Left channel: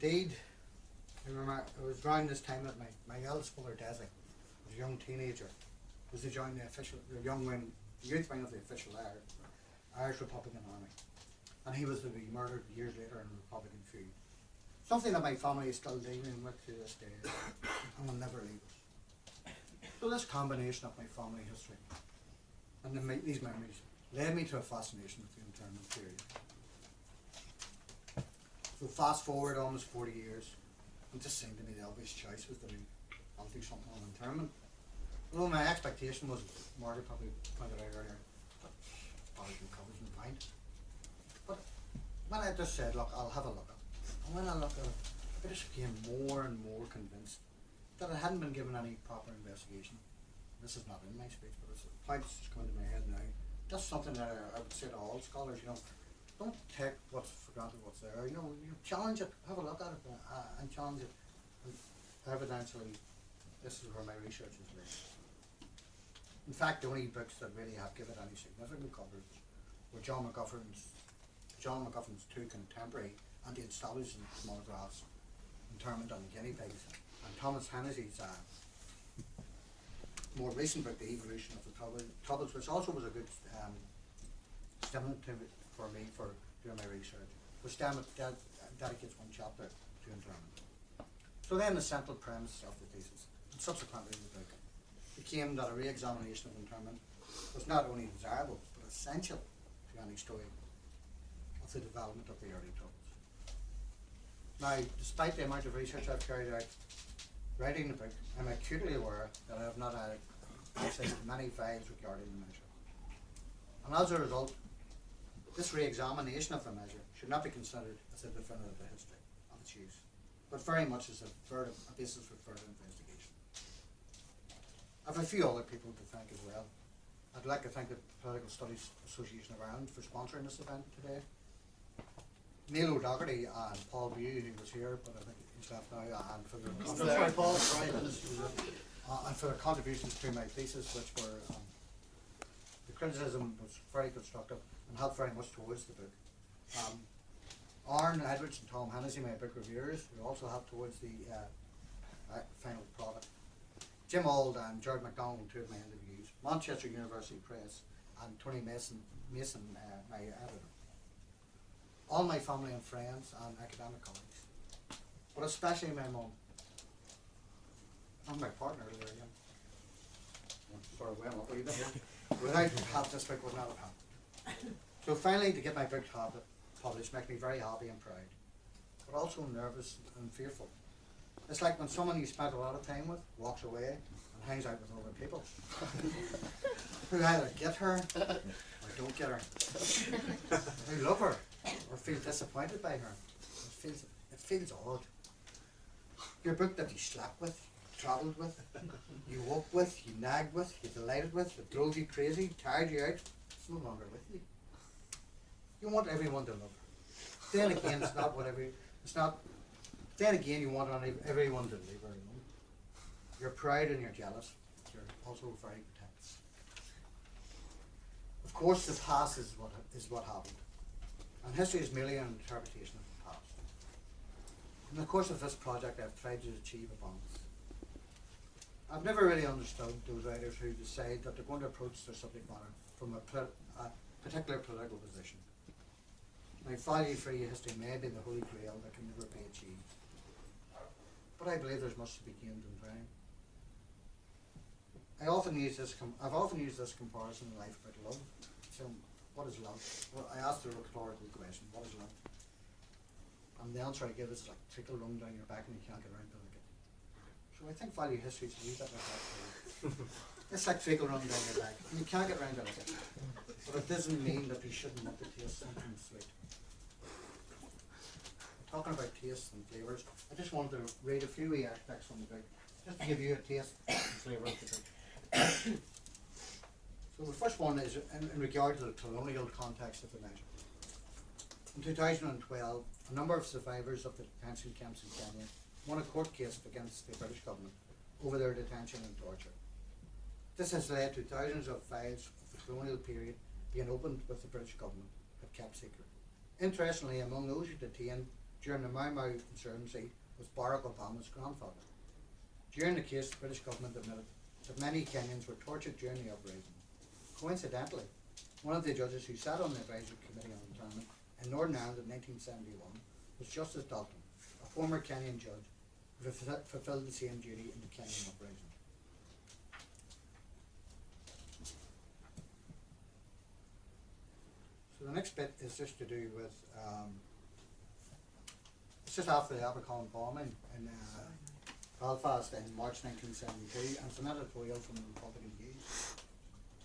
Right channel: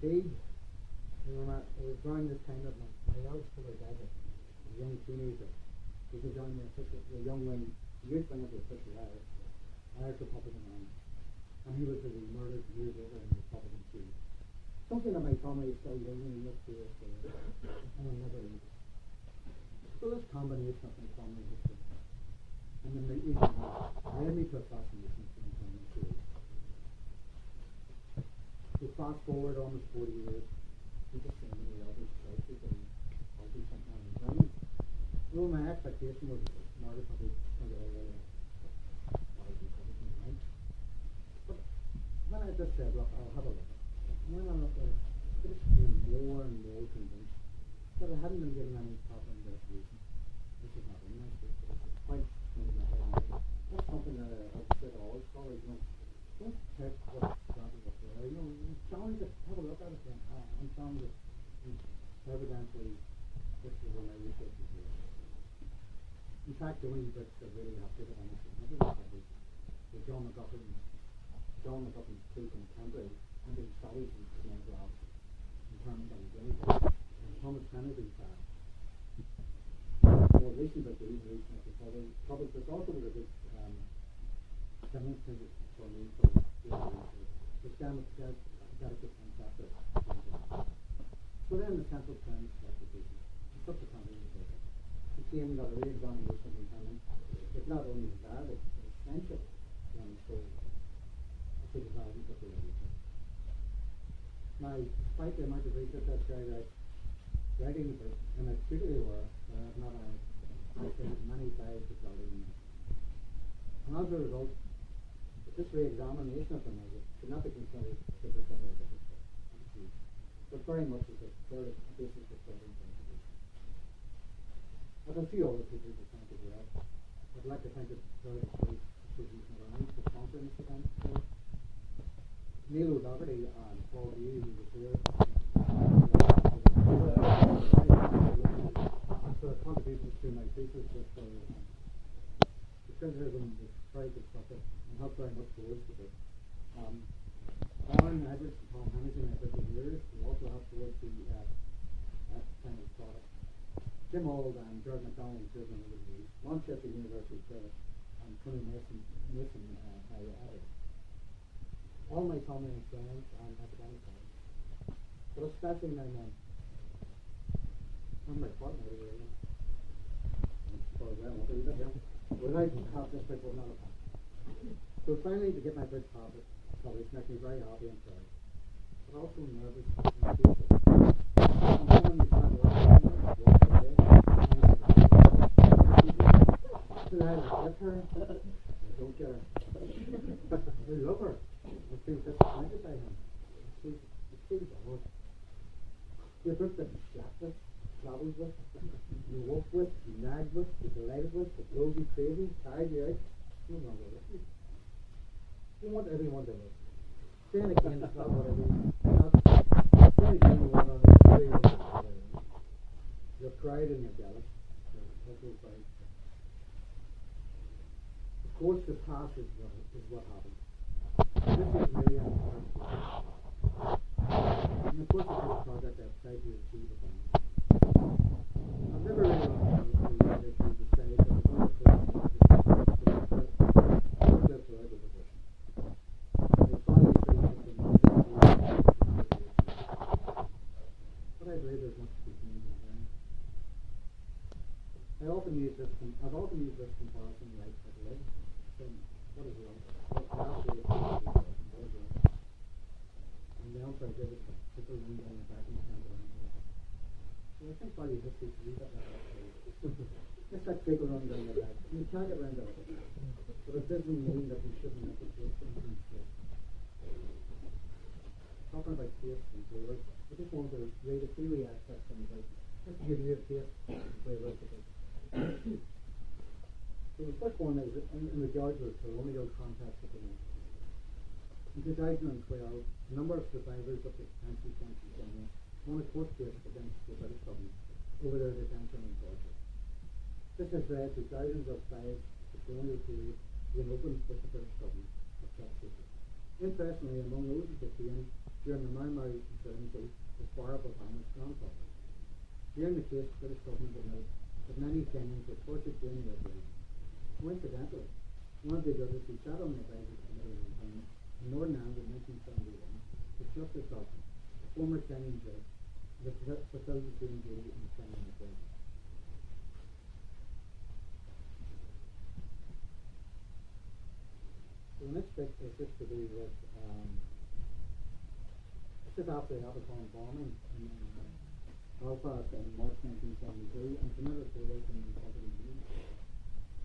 Indeed, I remember it was around this time that my eldest brother Desi, was a young teenager, was to join the young wing, youth wing of the official Irish Republican Army, and he was to be murdered years later in a Republican feud. Something that my family is still dealing with to this day, and will never leave us. So this combination of my family history and these memories led me to a fascination with the internment period. So fast forward almost 40 years, it just seemed to me the obvious choice was to I'll do something on internment. Although my expectation was, Margaret probably pointed out earlier, that body covers my mind. But when I just said, look, I'll have a look at it, and when I looked at it, I just became more and more convinced that I hadn't been given any proper investigation. This is not in my speech, but it's a point that's coming to my head now. That's something that I would say to all scholars, don't take what's for granted, what's there. You challenge it, have a look at it, and challenge it. And evidentially, this is where my research is led. In fact, the only books that really have given any significant coverage were John McGuffern's two contemporary anti-installation monographs, Internment and the Guinea Pigs, and Thomas Hennessy's more recent book, The Evolution of the Troubles, which also was a good stimulant for me for doing my research, which dedicates one chapter to internment. So then the central premise of the thesis, and subsequently the book, became that a re-examination of internment was not only desirable, but essential to any story of the development of the early troubles. Now, despite the amount of research I've carried out writing the book, I'm acutely aware that I have not had access to many files regarding the measure. And as a result, this re-examination of the measure should not be considered as a definitive history of its use, but very much as a basis for further investigation. I have a few other people to thank as well. I'd like to thank the Political Studies Association of Ireland for sponsoring this event today. Neil O'Doherty and Paul View, who was here, and for their contributions to my thesis, which were the criticism was very constructive and helped very much towards the book. Aaron Edwards and Tom Hennessy, my book reviewers, who also helped towards the final product. Jim Auld and Jared MacDonald, two of my interviews. Manchester University Press, and Tony Mason, my editor. All my family and friends and academic colleagues, but especially my mum and my partner there again. Sort of well up a wee bit. Without help, this book would not have happened. So finally, to get my book published makes me very happy and proud, but also nervous and fearful. It's like when someone you spend a lot of time with walks away, things like who either get her or don't get her, who love her or feel disappointed by her. It feels odd. Your book that you slept with, travelled with, you woke with, you nagged with, you delighted with, it drove you crazy, tired you out, it's no longer with you. You want everyone to love her. Then again, then again you want everyone to love her. You're proud and you're jealous. You're also very tense. Of course, the past is what happened. History is merely an interpretation of the past. In the course of this project, I've tried to achieve a balance. I've never really understood the writers who decide that they're going to approach their subject matter from a particular political position. They value-free history may be the goal that can never be achieved. But I believe there's much to be gained in trying. I've often used this comparison in life about love. So, what is love? Well, I asked the question, what is love? And the answer I give is like trickle run down your back and you can't get around to it. So I think value history is a wee bit like that. It's like trickle run down your back. You can't get around to it. But it doesn't mean that you shouldn't want to taste something sweet. Talking about tastes and flavours, I just wanted to read a few extracts from the book, just to give you a taste and flavour of the book. So the first one is in regard to the colonial context of the measure. In 2012, a number of survivors of the detention camps in Kenya won a court case against the British government over their detention and torture. This has led to thousands of files of the colonial period being opened with the British government but kept secret. Interestingly, among those who detained during the Mau Mau insurgency was Barack Obama's grandfather. During the case, the British government admitted that many Kenyans were tortured during the uprising. Coincidentally, one of the judges who sat on the Advisory Committee on Internment in Northern Ireland in 1971 was Justice Dalton, a former Kenyan judge who fulfilled the same duty in the Kenyan uprising. So the next bit is just to do with, it's just after the Abercorn bombing in Belfast in March 1972, and it's an editorial from the Republican News.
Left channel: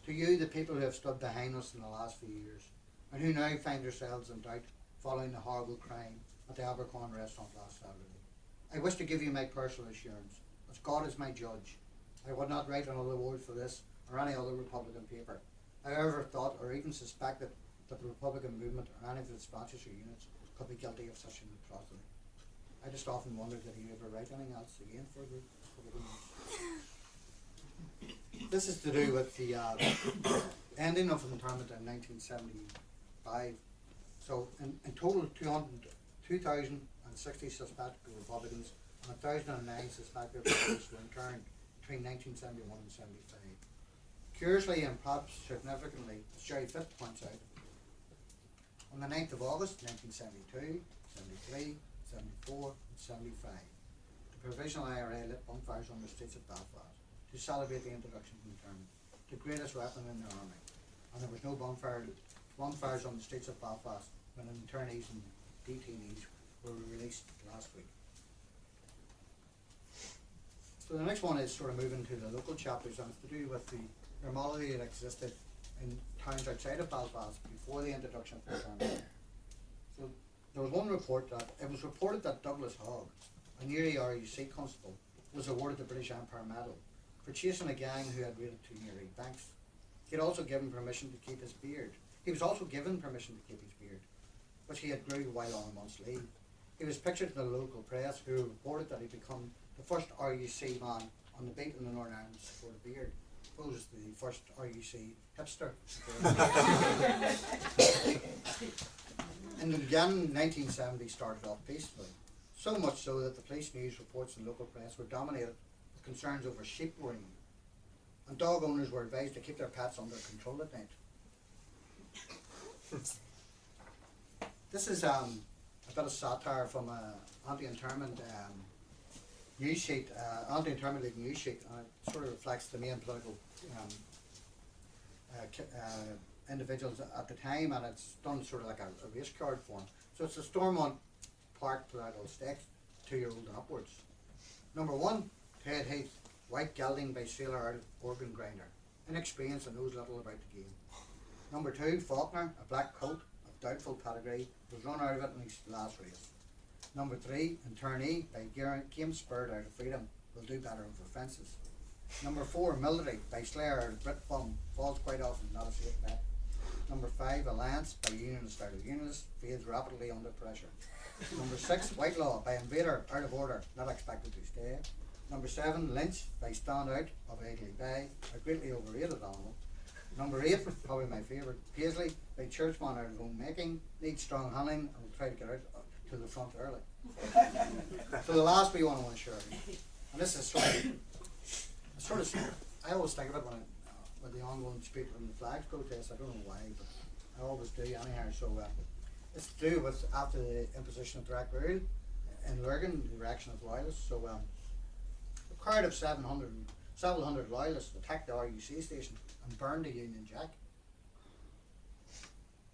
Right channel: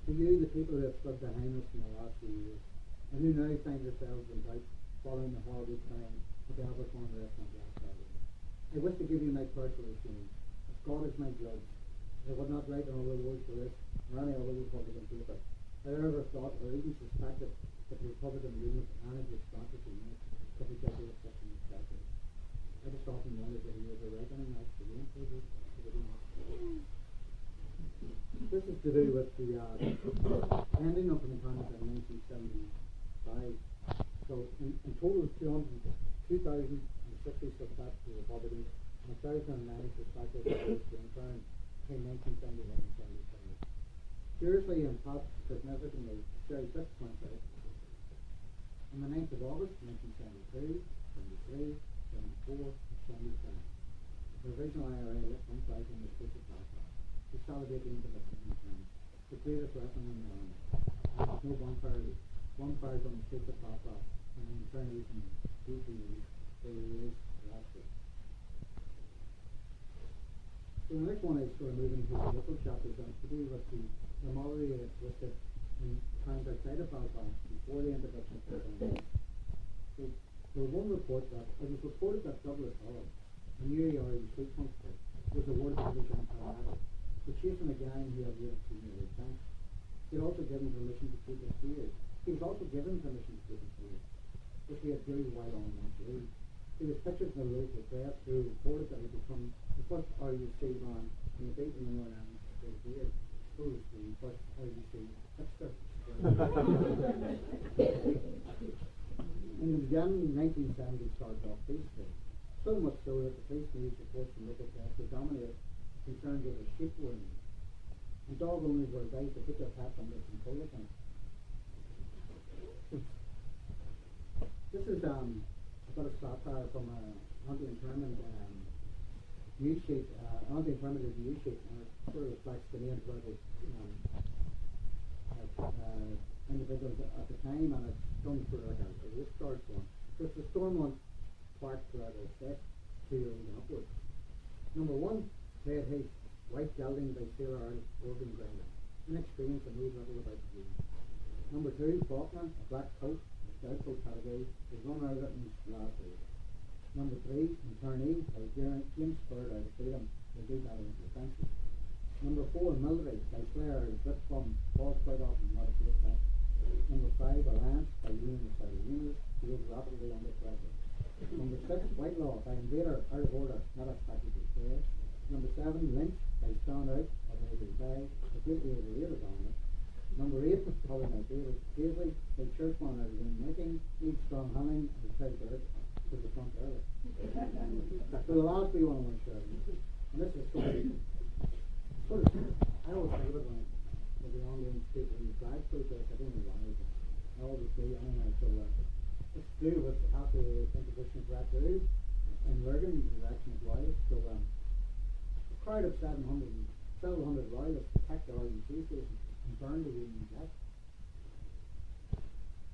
To you, the people who have stood behind us in the last few years, and who now find yourselves in doubt following the horrible crime at the Abercorn restaurant last Saturday, I wish to give you my personal assurance, as God is my judge. I would not write another word for this or any other Republican paper. I ever thought or even suspected that the Republican movement or any of its branches or units could be guilty of such an atrocity. I just often wondered, did he ever write anything else again for the This is to do with the ending of internment in 1975. So in total, 2,060 suspected Republicans and 1,009 suspected Republicans were interned between 1971 and 75. Curiously and perhaps significantly, as Jerry Fitt points out, on the 9th of August 1972, 73, 74, and 75, the Provisional IRA lit bonfires on the streets of Belfast to celebrate the introduction of internment, the greatest weapon in the army. And there was no bonfires on the streets of Belfast when internees and detainees were released last week. So the next one is sort of moving to the local chapters, and it's to do with the normality that existed in towns outside of Belfast before the introduction of internment. So there was one report that it was reported that Douglas Hogg, a Newry RUC constable, was awarded the British Empire Medal for chasing a gang who had raided two Newry banks. He had also given permission to keep his beard. He was also given permission to keep his beard, which he had grew while on a month's leave. He was pictured in the local press, who reported that he'd become the first RUC man on the beat in the Northern Ireland to support a beard. Who was the first RUC hipster? In the beginning, 1970 started off peacefully, so much so that the police news reports and local press were dominated with concerns over sheep worrying, and dog owners were advised to keep their pets under control at night. This is a bit of satire from an anti-internment news sheet, anti-internment league news sheet, and it sort of reflects the main political individuals at the time, and it's done sort of like a race card form. So it's the Stormont Park political stakes, 2-year-old and upwards. Number 1, Ted Heath, white gelding by sailor out of organ grinder, inexperienced and knows little about the game. Number 2, Faulkner, a black colt of doubtful pedigree, was run out of it in his last race. Number 3, Internee, by game spurred out of freedom, will do better for fences. Number 4, Military, by Slayer out of Britbum, falls quite often, not a safe bet. Number 5, Alliance, by Unionist out of Unionist, fades rapidly under pressure. Number 6, Whitelaw, by Invader out of order, not expected to stay. Number 7, Lynch, by Stand Out of Egley Bay, a greatly overrated animal. Number 8, probably my favourite, Paisley, by Churchman out of own making, needs strong handling and will try to get out to the front early. So the last wee one I want to share, and this is sort of I always think of it when with the ongoing debate on the flag protest. I don't know why, but I always do anyhow. So it's to do with after the imposition of direct rule in Lurgan, the reaction of loyalists. So a crowd of several hundred loyalists attacked the RUC station and burned the Union Jack.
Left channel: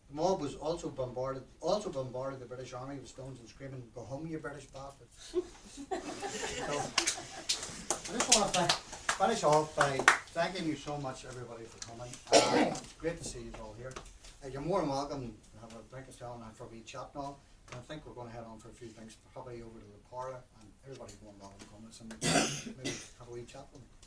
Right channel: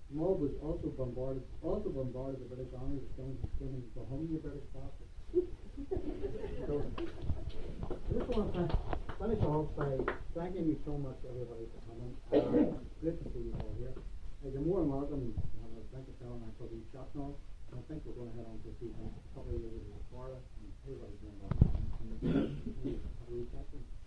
The mob was also bombarded the British Army with stones and screaming, "Go home, you British bastards." So I just want to finish off by thanking you so much, everybody, for coming. It's great to see you all here. You're more than welcome to have a drink of Stone and for a wee chat now. And I think we're going to head on for a few things, probably over to the parlour, and everybody's more than welcome to come and maybe have a wee chat with them.